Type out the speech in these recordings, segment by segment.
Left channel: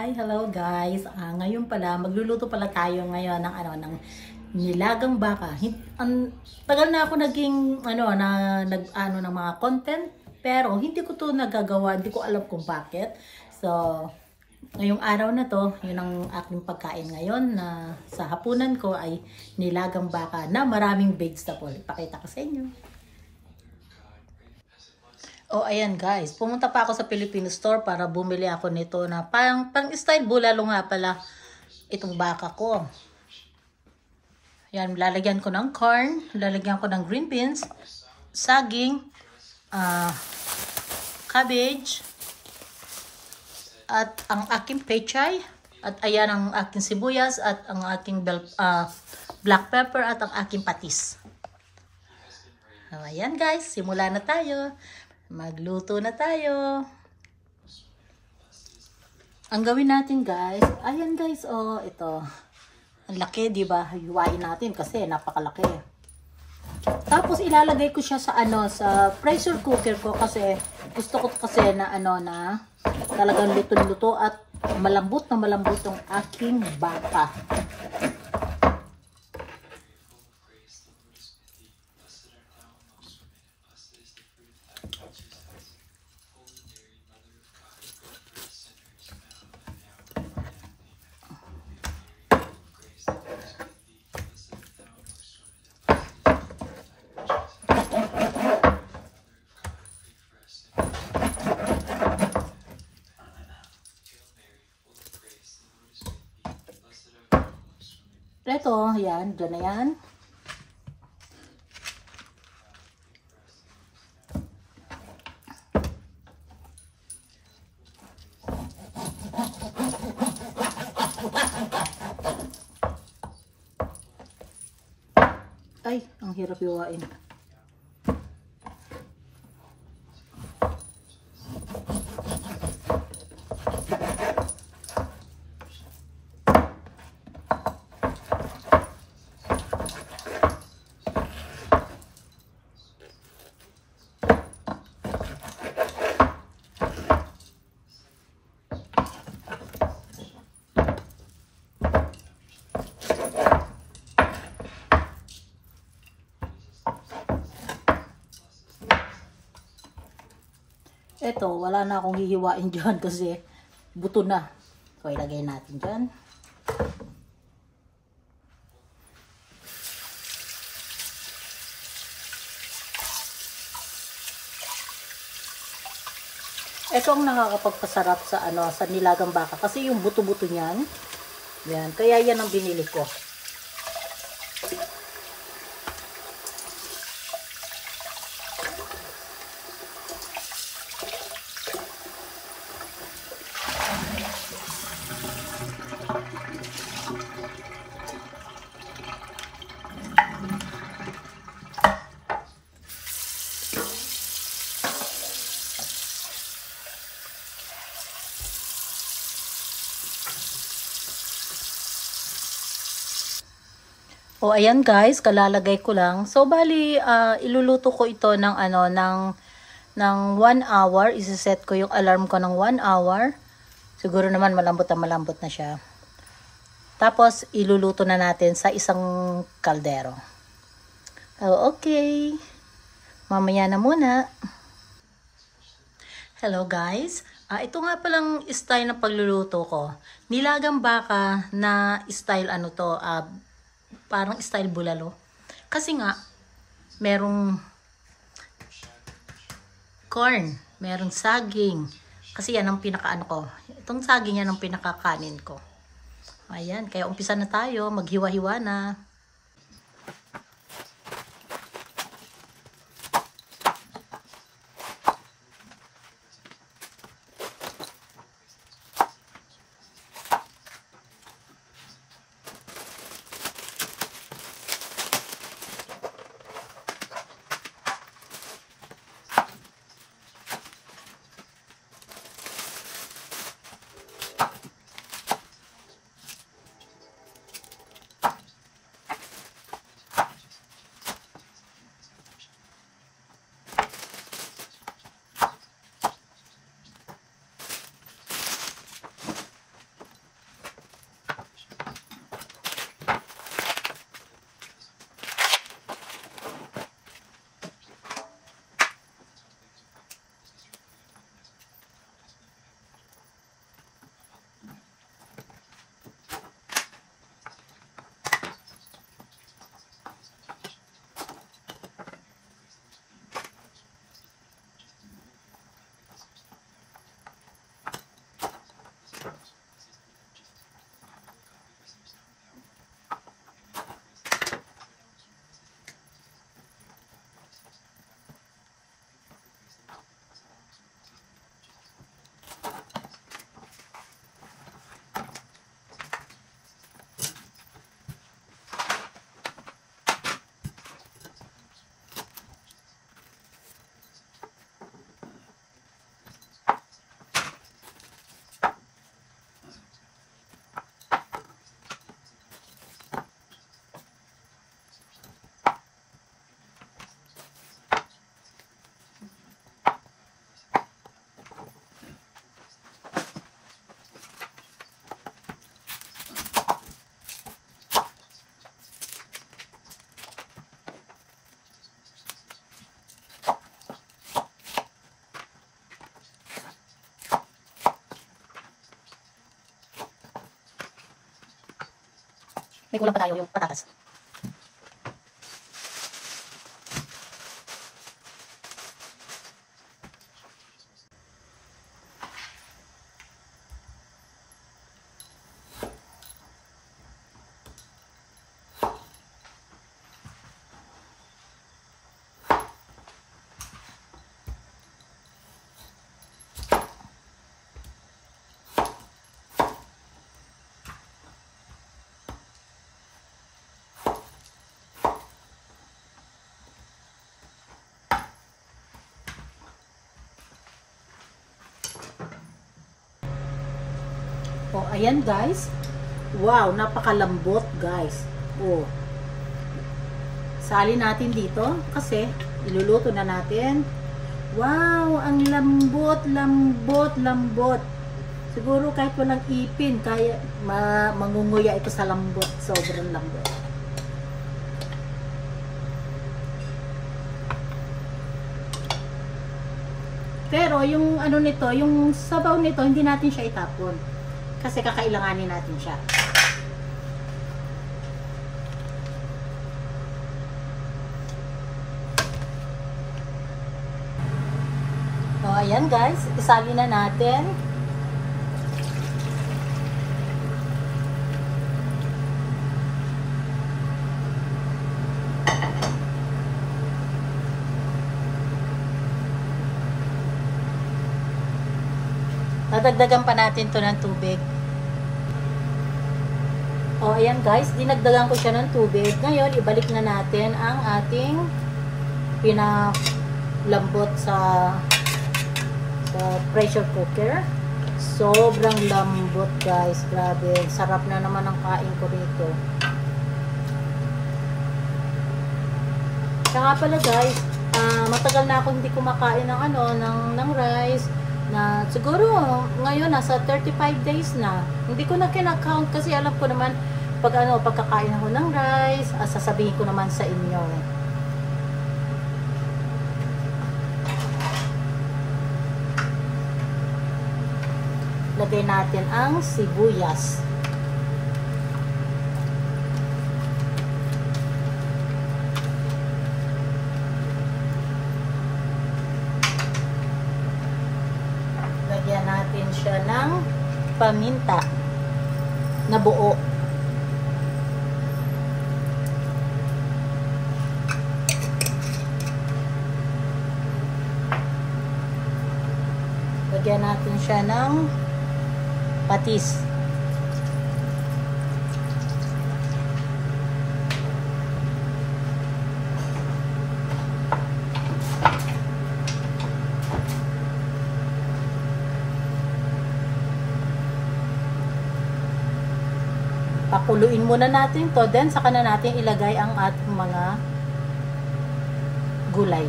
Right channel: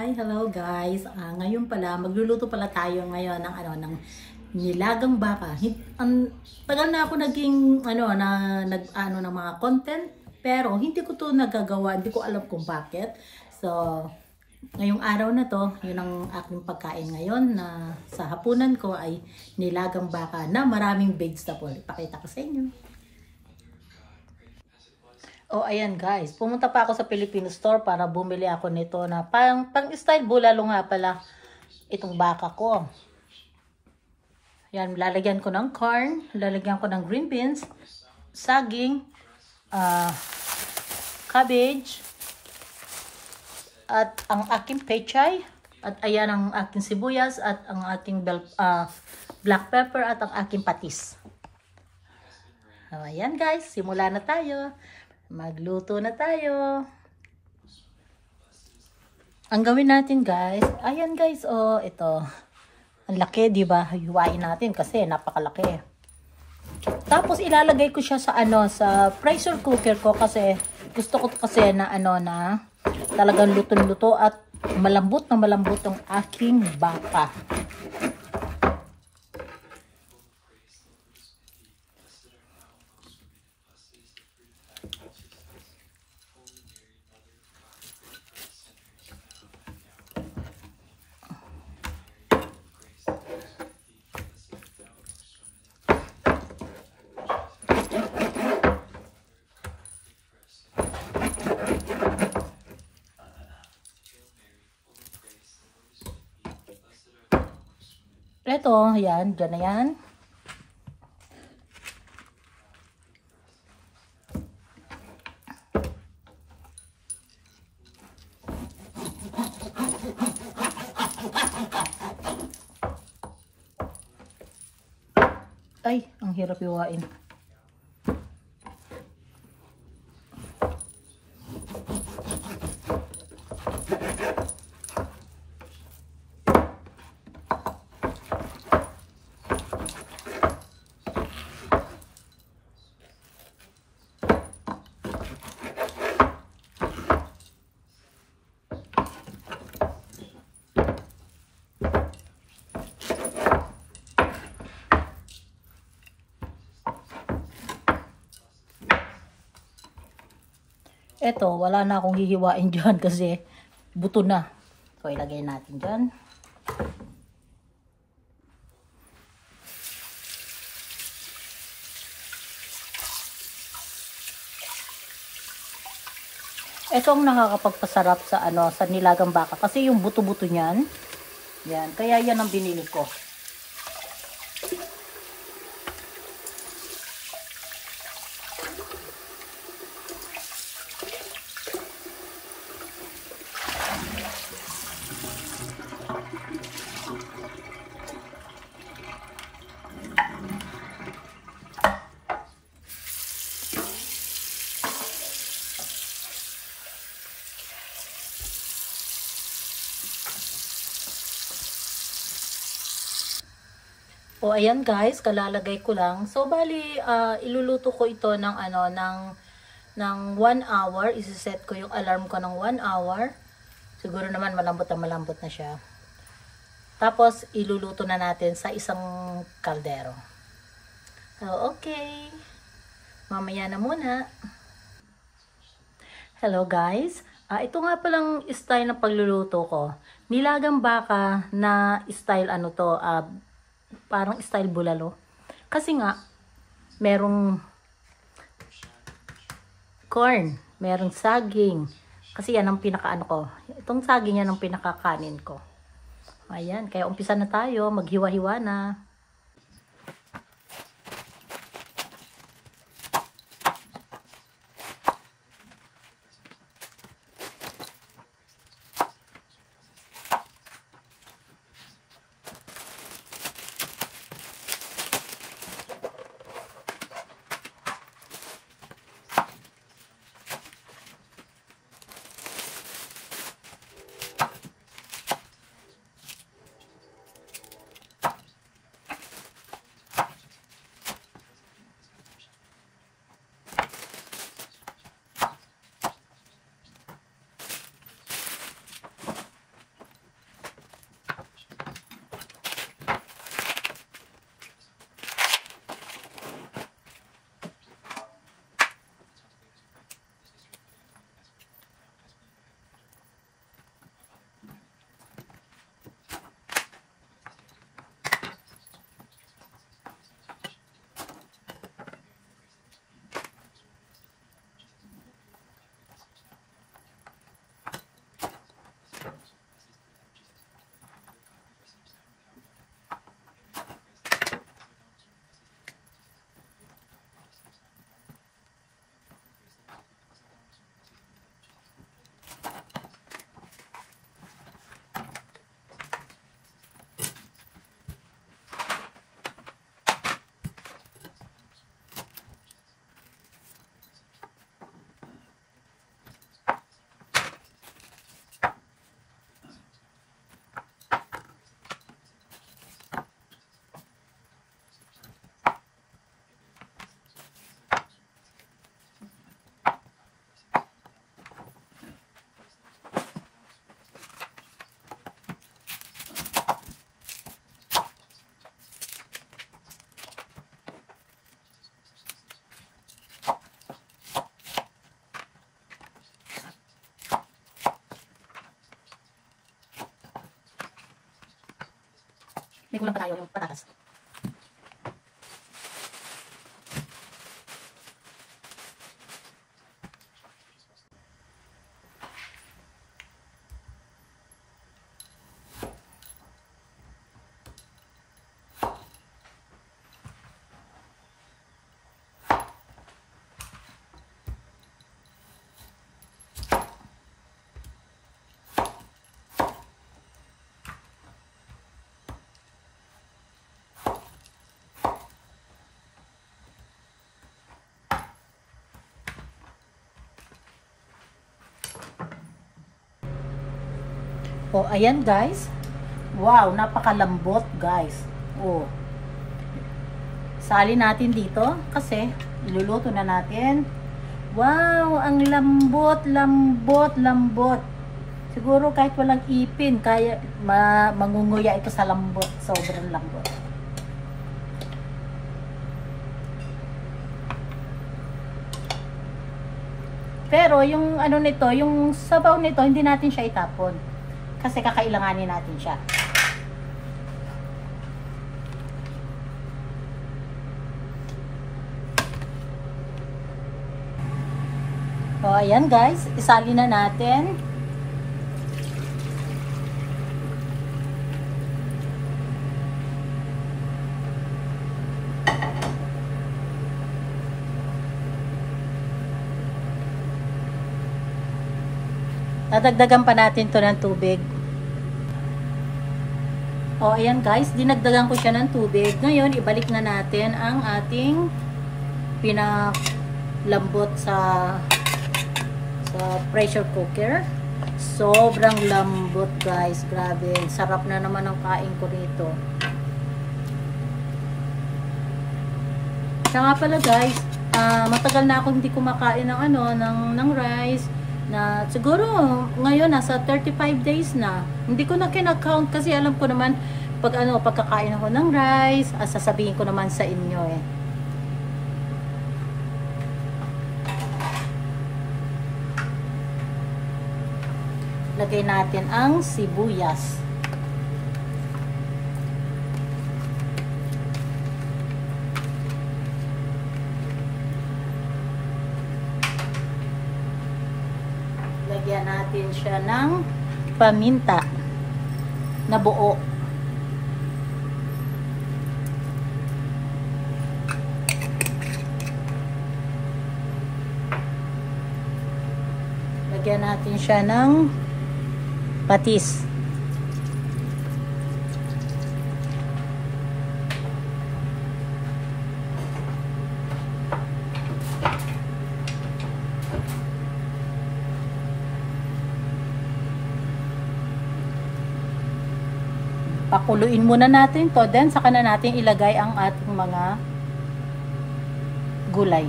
Hi, hello guys. Ngayon pala magluluto pala tayo ngayon ng ng nilagang baka. Tagal na ako naging ng mga content, pero hindi ko 'to nagagawa, hindi ko alam kung bakit. So, ngayong araw na 'to, 'yun ang aking pagkain ngayon na sa hapunan ko ay nilagang baka na maraming vegetable. Ipakita ko sa inyo. Oh, ayan guys. Pumunta pa ako sa Filipino store para bumili ako nito na pang style bulalo nga pala itong baka ko. Yan, lalagyan ko ng corn, lalagyan ko ng green beans, saging, cabbage, at ang aking pechay, at ayan ang aking sibuyas, at ang aking black pepper, at ang aking patis. So, ayan guys, simula na tayo. Magluto na tayo. Ang gawin natin guys, ayan guys, oh, ito. Ang laki, di ba? Hiwain natin kasi napakalaki. Tapos ilalagay ko siya sa sa pressure cooker ko kasi gusto ko kasi na na talagang luto-luto at malambot na malambot ang aking baka. Ito, yan, dyan na yan. Ay, ang hirap iwain. Eto, wala na akong hihiwain dyan kasi buto na. So, ilagay natin dyan. Ito ang nakakapagpasarap sa sa nilagang baka kasi yung buto-buto niyan. Yan, kaya yan ang binili ko. O ayan guys, kalalagay ko lang. So bali iluluto ko ito ng ng 1 hour. Isa-set ko yung alarm ko ng 1 hour. Siguro naman malambot na siya. Tapos iluluto na natin sa isang kaldero. Oh, okay. Mamaya na muna. Hello guys. Ito nga palang style na pagluluto ko. Nilagang baka na style parang style bulalo. Kasi nga, merong corn, merong saging. Kasi yan ang pinakaano ko. Itong saging yan ang pinakakanin ko. Ayan, kaya umpisa na tayo. Maghiwa-hiwa na. May kulang pa tayo yung patatas. Oh, ayan guys. Wow, napakalambot guys. Oh. Sali natin dito kasi iluluto na natin. Wow, ang lambot, lambot, lambot. Siguro kahit walang ipin, kaya mangunguya ito sa lambot. Sobrang lambot. Pero yung ano nito, yung sabaw nito, hindi natin siya itapon. Kasi kakailanganin natin siya. So, ayan guys. Isali na natin. Dadagdagan pa natin to ng tubig. O, ayan guys, dinagdagan ko siya ng tubig. Ngayon, ibalik na natin ang ating pinalambot sa pressure cooker. Sobrang lambot guys. Grabe. Sarap na naman ang kain ko dito. Saka pala guys, matagal na ako hindi kumakain ng ng rice. Na siguro ngayon nasa 35 days na. Hindi ko na kinakount kasi alam ko naman pagkakain ako ng rice, sasabihin ko naman sa inyo eh. Lagay natin ang sibuyas. Lagyan natin siya ng paminta na buo. Lagyan natin siya ng patis. Pakuluin muna natin to, then saka na natin ilagay ang ating mga gulay.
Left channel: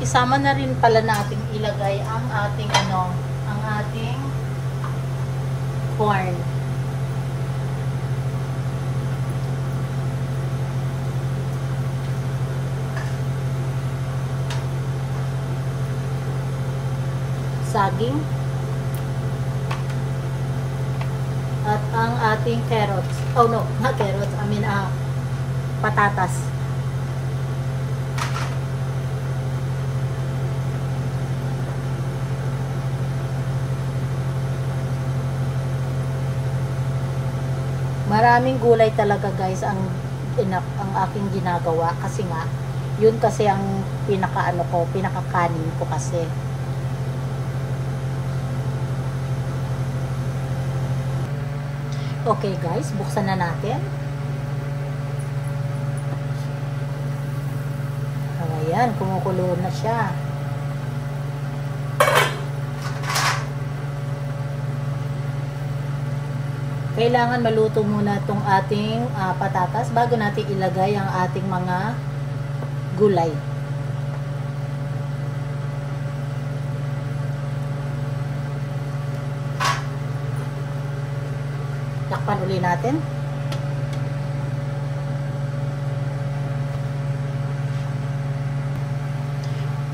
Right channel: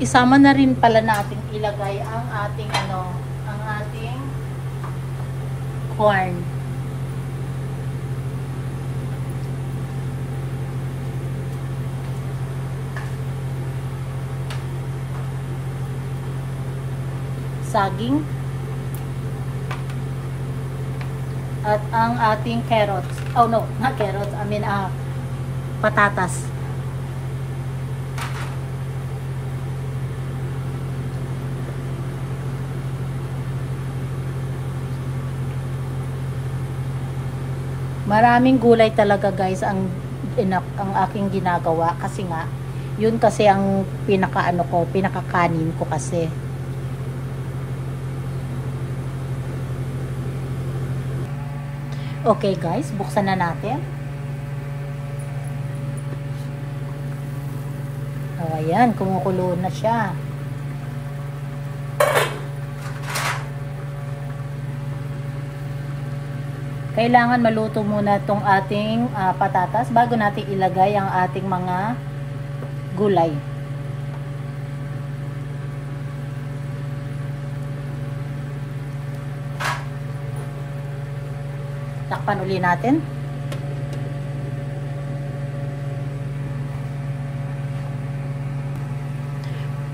Isama na rin pala natin ilagay ang ating ang ating corn. Saging at ang ating carrots. Oh no, not carrots. I mean patatas. Maraming gulay talaga guys ang aking ginagawa kasi nga yun kasi ang pinakakanin ko kasi. Okay guys, buksan na natin. Ayan, kumukulo na siya. Kailangan maluto muna itong ating patatas bago natin ilagay ang ating mga gulay. Takpan uli natin.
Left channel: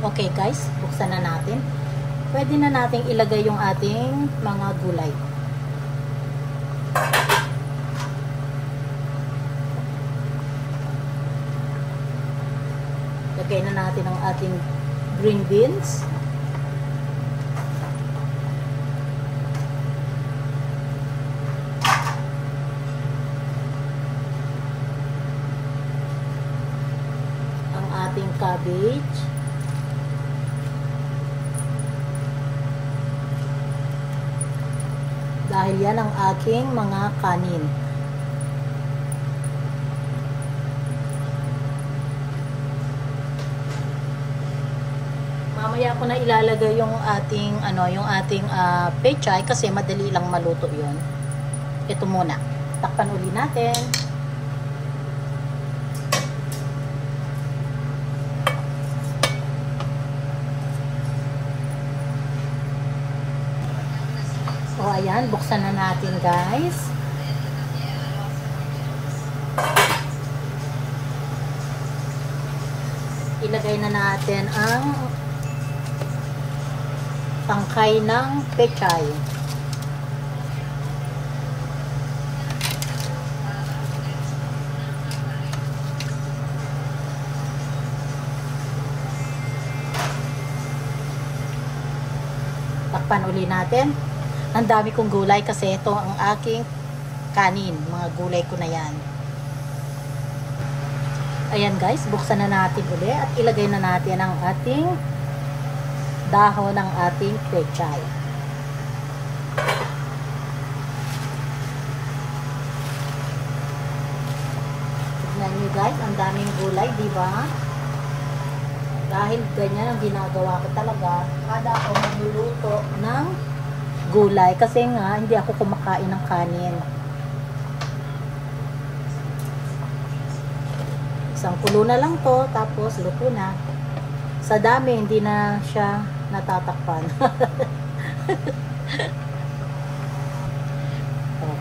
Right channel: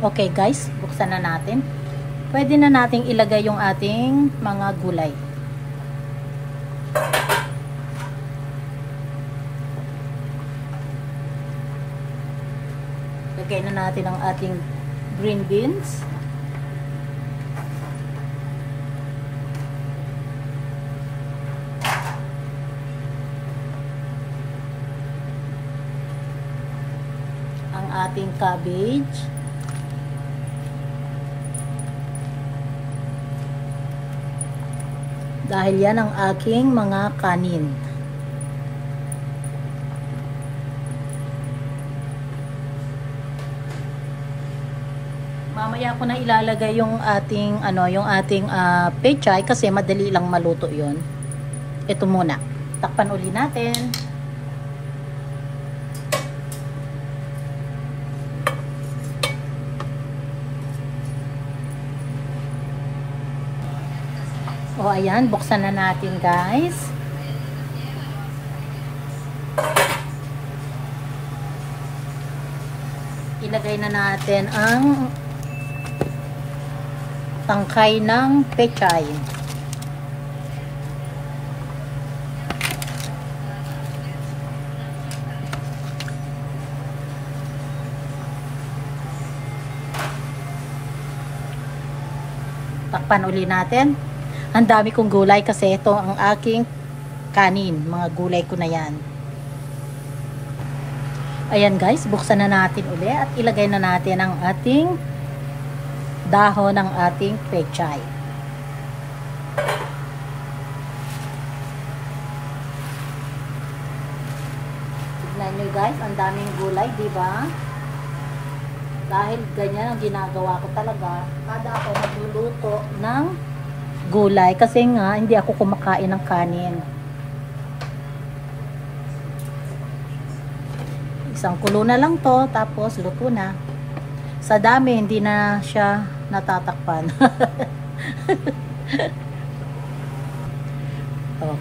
Okay guys, buksan na natin. Pwede na nating ilagay yung ating mga gulay. Lagay na natin ang ating green beans. Ang ating cabbage. Dahil yan ang aking mga kanin. Mamaya ko na ilalagay yung ating pechay kasi madali lang maluto 'yon. Ito muna. Takpan uli natin. O ayan, buksan na natin guys. Ilagay na natin ang tangkay ng pechay. Takpan uli natin. Ang dami kong gulay kasi ito ang aking kanin. Mga gulay ko na yan. Ayan guys, buksan na natin uli at ilagay na natin ang ating dahon ng ating pechay. Tignan nyo guys, ang daming gulay, diba? Dahil ganyan ang ginagawa ko talaga. Kada ako magluluto ng gulay kasi nga hindi ako kumakain ng kanin. Isang kulo na lang to, tapos luto na. Sa dami hindi na siya natatakpan.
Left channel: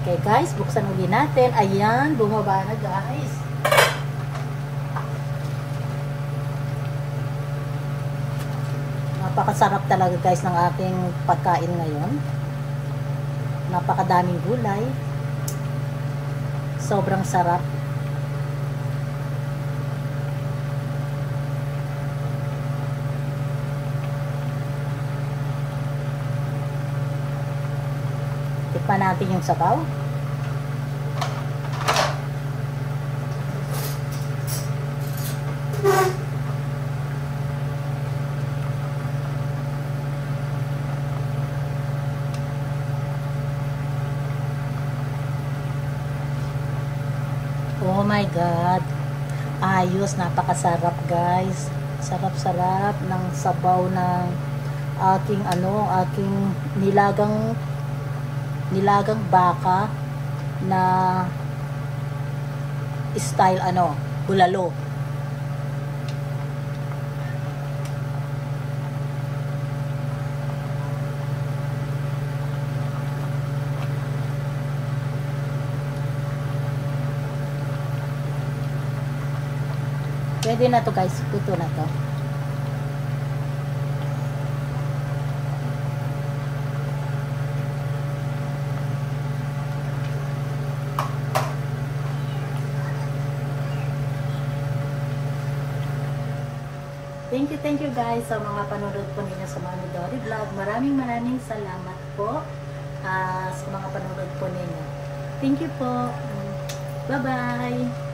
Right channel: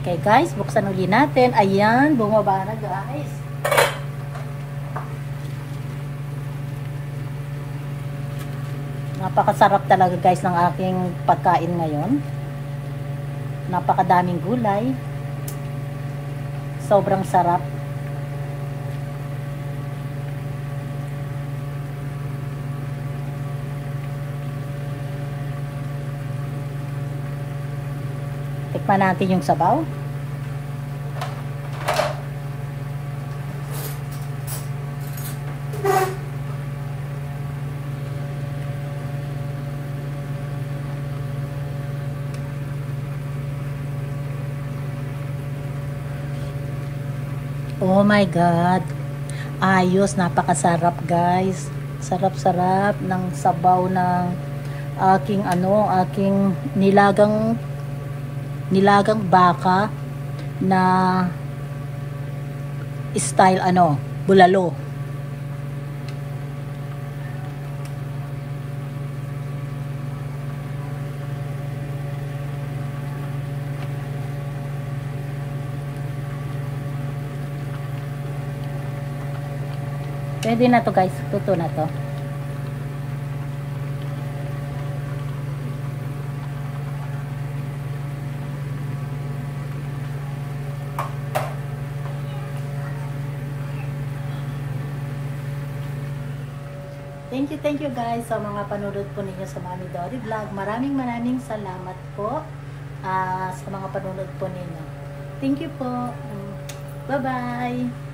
Okay guys, buksan uli natin. Ayan, bumaba na guys. Napakasarap talaga guys ng aking pagkain ngayon. Napakadaming gulay. Sobrang sarap. Tikman natin yung sabaw. Oh my God. Ayos, napakasarap guys. Sarap-sarap ng sabaw ng aking aking nilagang baka na style bulalo. Pwede na to guys, puto na to. Thank you guys sa mga panonood po ninyo sa Mami Dory Vlog. Maraming salamat po sa mga panonood po ninyo. Thank you po. Bye-bye.